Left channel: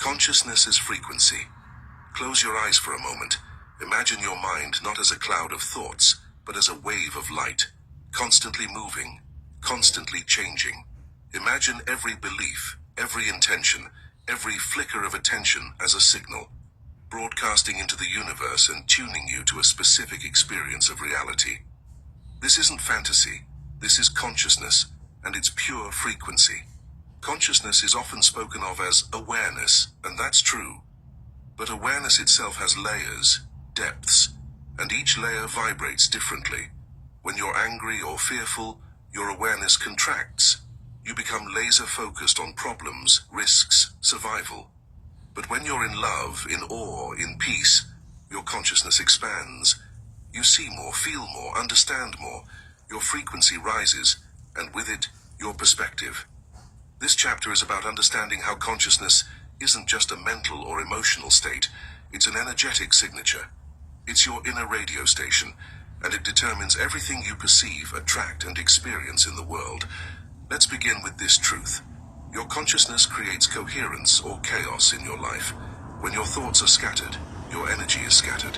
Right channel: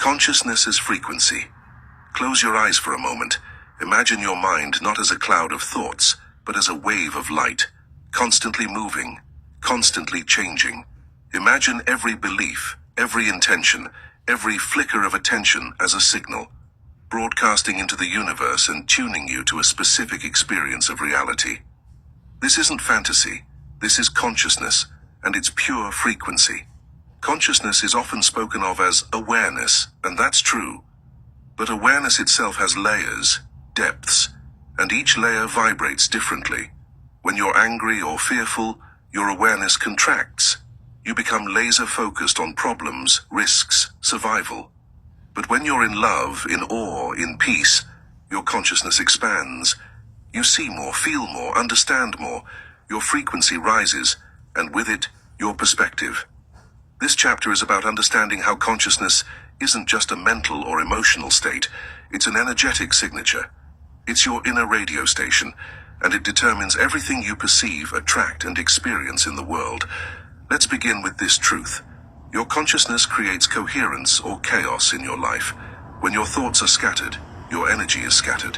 Consciousness as frequency. Close your eyes for a moment. Imagine your mind not as a cloud of thoughts, but as a wave of light, constantly moving, constantly changing. Imagine every belief, every intention, every flicker of attention as a signal, broadcasting into the universe and tuning you to a specific experience of reality. This isn't fantasy, this is consciousness, and it's pure frequency. Consciousness is often spoken of as awareness, and that's true. But awareness itself has layers, depths, and each layer vibrates differently. When you're angry or fearful, your awareness contracts. You become laser-focused on problems, risks, survival. But when you're in love, in awe, in peace, your consciousness expands. You see more, feel more, understand more. Your frequency rises, and with it, your perspective. This chapter is about understanding how consciousness isn't just a mental or emotional state, it's an energetic signature. It's your inner radio station, and it determines everything you perceive, attract, and experience in the world. Let's begin with this truth. Your consciousness creates coherence or chaos in your life. When your thoughts are scattered, your energy is scattered.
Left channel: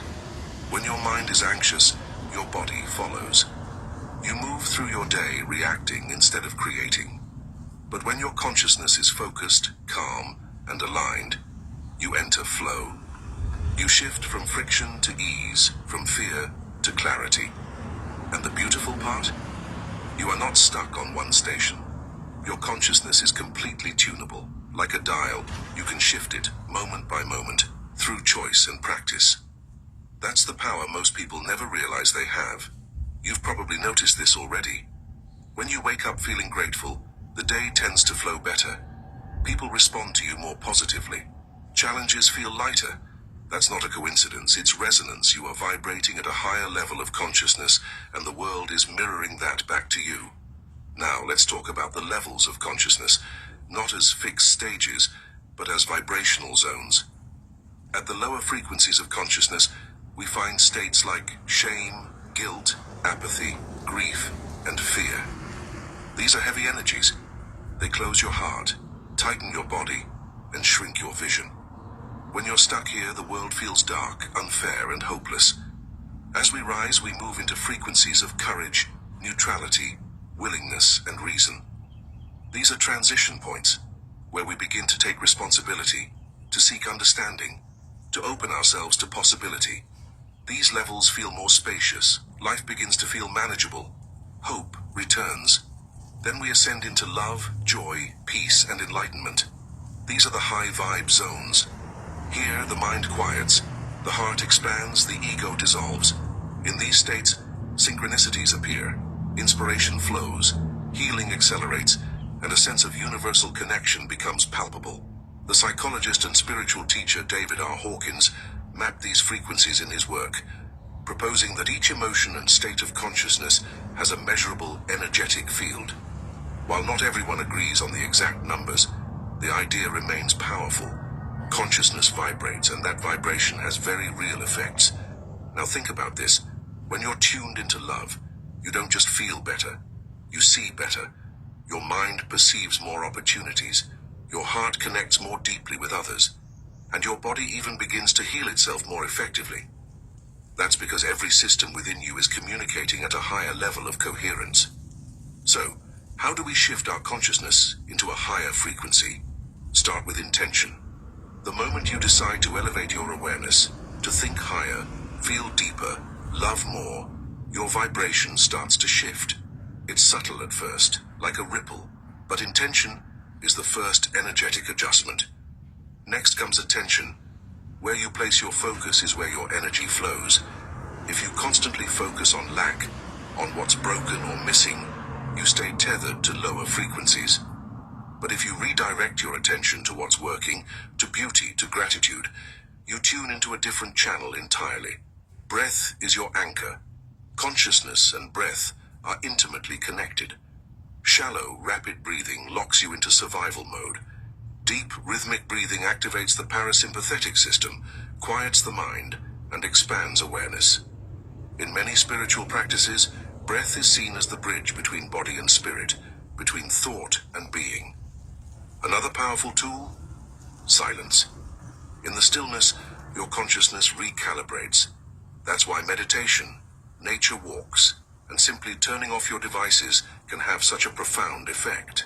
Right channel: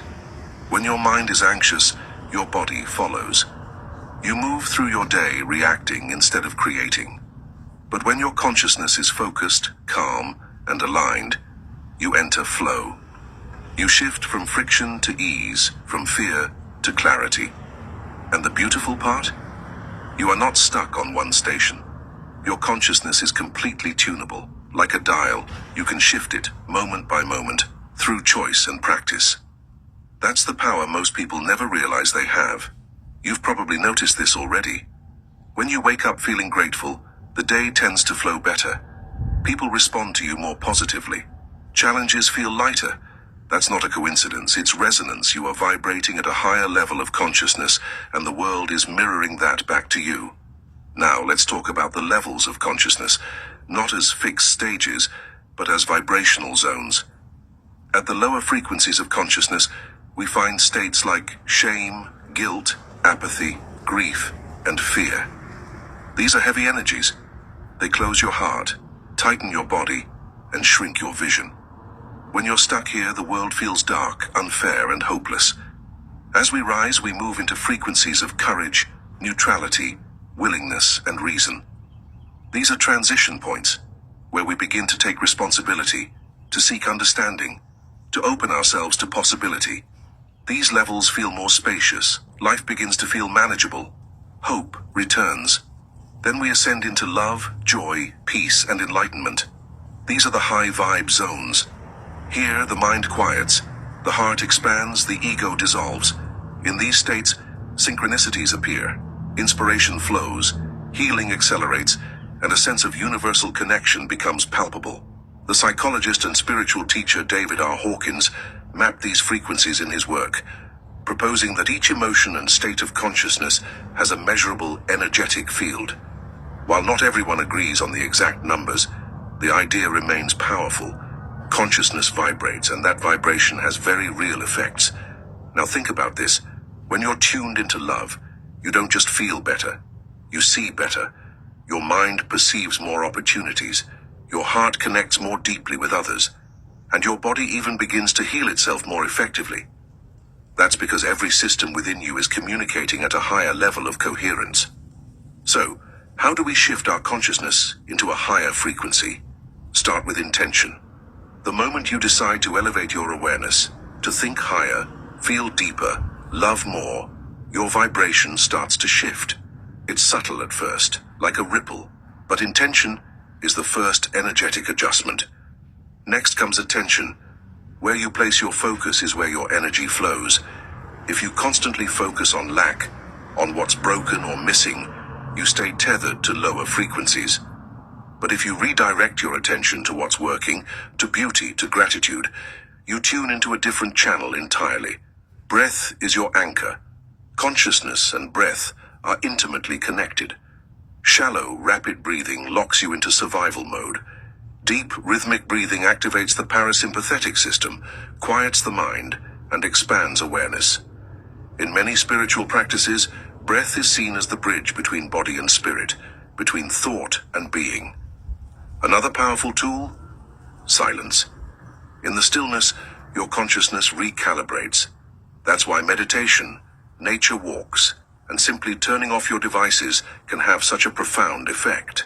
When your mind is anxious, your body follows. You move through your day reacting instead of creating. But when your consciousness is focused, calm, and aligned, you enter flow. You shift from friction to ease, from fear to clarity. And the beautiful part? You are not stuck on one station. Your consciousness is completely tunable. Like a dial, you can shift it, moment by moment, through choice and practice. That's the power most people never realize they have. You've probably noticed this already. When you wake up feeling grateful, the day tends to flow better. People respond to you more positively. Challenges feel lighter. That's not a coincidence, it's resonance. You are vibrating at a higher level of consciousness, and the world is mirroring that back to you. Now, let's talk about the levels of consciousness, not as fixed stages, but as vibrational zones. At the lower frequencies of consciousness, we find states like shame, guilt, apathy, grief, and fear. These are heavy energies. They close your heart, tighten your body, and shrink your vision. When you're stuck here, the world feels dark, unfair, and hopeless. As we rise, we move into frequencies of courage, neutrality, willingness, and reason. These are transition points, where we begin to take responsibility, to seek understanding, to open ourselves to possibility. These levels feel more spacious, life begins to feel manageable, hope returns. Then we ascend into love, joy, peace, and enlightenment. These are the high vibe zones. Here, the mind quiets, the heart expands, the ego dissolves. In these states, synchronicities appear, inspiration flows, healing accelerates, and a sense of universal connection becomes palpable. The psychologist and spiritual teacher David R. Hawkins mapped these frequencies in his work, proposing that each emotion and state of consciousness has a measurable energetic field. While not everyone agrees on the exact numbers, the idea remains powerful. Consciousness vibrates, and that vibration has very real effects. Now think about this. When you're tuned into love, you don't just feel better, you see better. Your mind perceives more opportunities, your heart connects more deeply with others, and your body even begins to heal itself more effectively. That's because every system within you is communicating at a higher level of coherence. So, how do we shift our consciousness into a higher frequency? Start with intention. The moment you decide to elevate your awareness, to think higher, feel deeper, love more, your vibration starts to shift. It's subtle at first, like a ripple, but intention is the first energetic adjustment. Next comes attention. Where you place your focus is where your energy flows. If you constantly focus on lack, on what's broken or missing, you stay tethered to lower frequencies. But if you redirect your attention to what's working, to beauty, to gratitude, you tune into a different channel entirely. Breath is your anchor. Consciousness and breath are intimately connected. Shallow, rapid breathing locks you into survival mode. Deep, rhythmic breathing activates the parasympathetic system, quiets the mind, and expands awareness. In many spiritual practices, breath is seen as the bridge between body and spirit, between thought and being. Another powerful tool? silence. In the stillness, your consciousness recalibrates. That's why meditation, nature walks, and simply turning off your devices can have such a profound effect.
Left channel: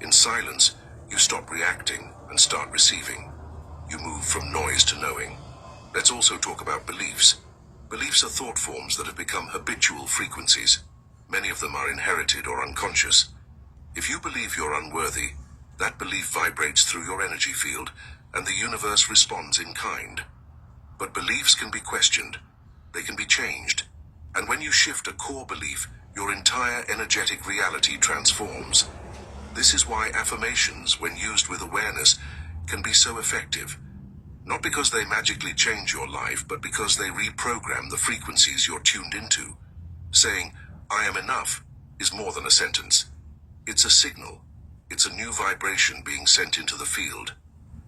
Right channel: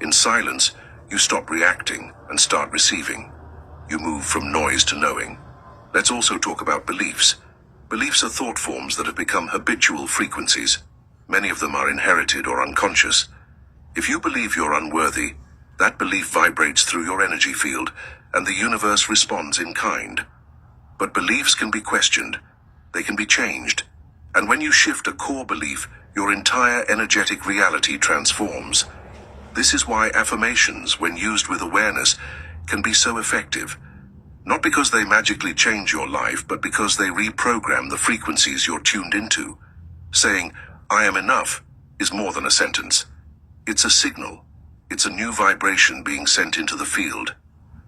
In silence, you stop reacting and start receiving. You move from noise to knowing. Let's also talk about beliefs. Beliefs are thought forms that have become habitual frequencies. Many of them are inherited or unconscious. If you believe you're unworthy, that belief vibrates through your energy field, and the universe responds in kind. But beliefs can be questioned. They can be changed. And when you shift a core belief, your entire energetic reality transforms. This is why affirmations, when used with awareness, can be so effective. Not because they magically change your life, but because they reprogram the frequencies you're tuned into. Saying, "I am enough," is more than a sentence. It's a signal. It's a new vibration being sent into the field.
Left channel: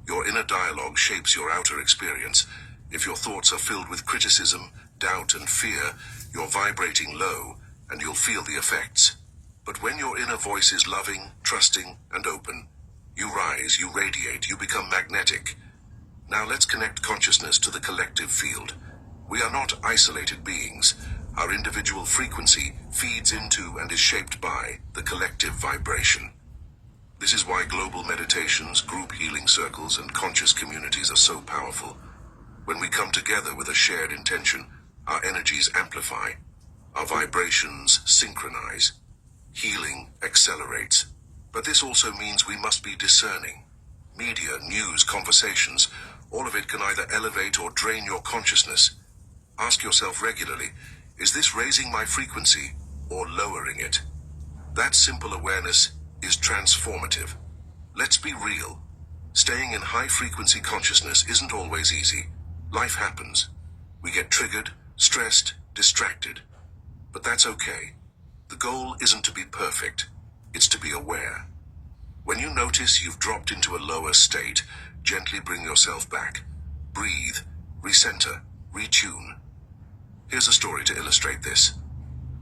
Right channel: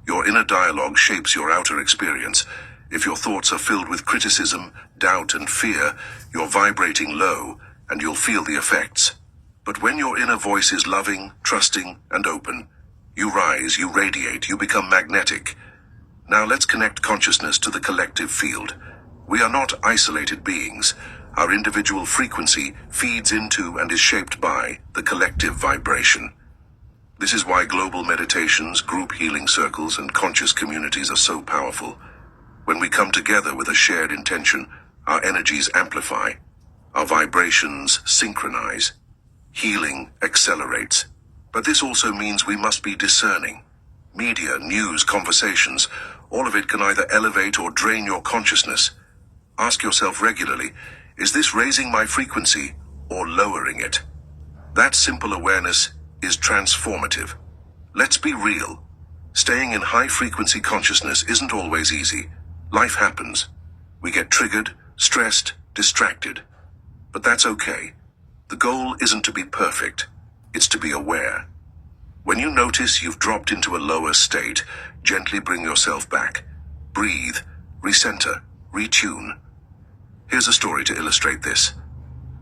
Your inner dialogue shapes your outer experience. If your thoughts are filled with criticism, doubt, and fear, you're vibrating low, and you'll feel the effects. But when your inner voice is loving, trusting, and open, you rise, you radiate, you become magnetic. Now let's connect consciousness to the collective field. We are not isolated beings. Our individual frequency feeds into and is shaped by the collective vibration. This is why global meditations, group healing circles, and conscious communities are so powerful. When we come together with a shared intention, our energies amplify, our vibrations synchronize, healing accelerates. But this also means we must be discerning. Media, news, conversations, all of it can either elevate or drain your consciousness. Ask yourself regularly, is this raising my frequency or lowering it? That simple awareness is transformative. Let's be real. Staying in high-frequency consciousness isn't always easy. Life happens. We get triggered, stressed, distracted. But that's okay. The goal isn't to be perfect. It's to be aware. When you notice you've dropped into a lower state, gently bring yourself back. Breathe, recenter, retune. Here's a story to illustrate this.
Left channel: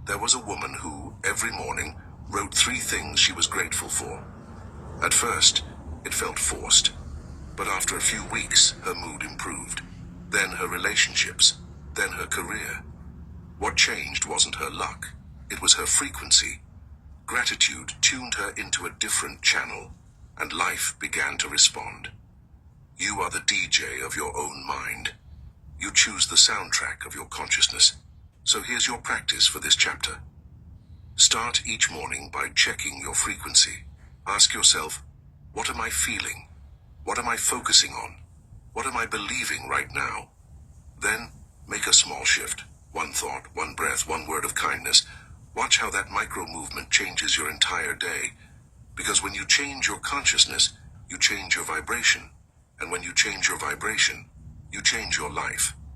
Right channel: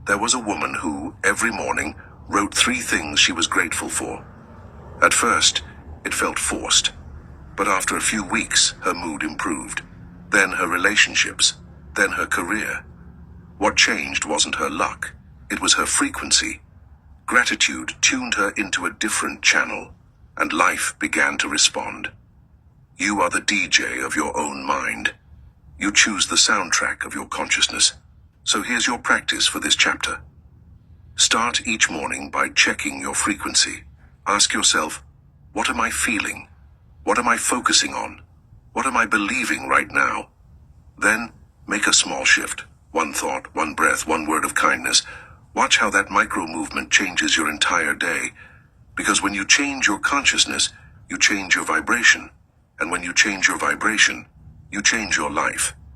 There was a woman who, every morning, wrote 3 things she was grateful for. At first, it felt forced. But after a few weeks, her mood improved. Then her relationships. Then her career. What changed wasn't her luck. It was her frequency. Gratitude tuned her into a different channel, and life began to respond. You are the DJ of your own mind. You choose the soundtrack of your consciousness. So here's your practice for this chapter. Start each morning by checking your frequency. Ask yourself, what am I feeling? What am I focusing on? What am I believing right now? Then, make a small shift. 1 thought, 1 breath, 1 word of kindness. Watch how that micro movement changes your entire day. Because when you change your consciousness, you change your vibration. And when you change your vibration, you change your life.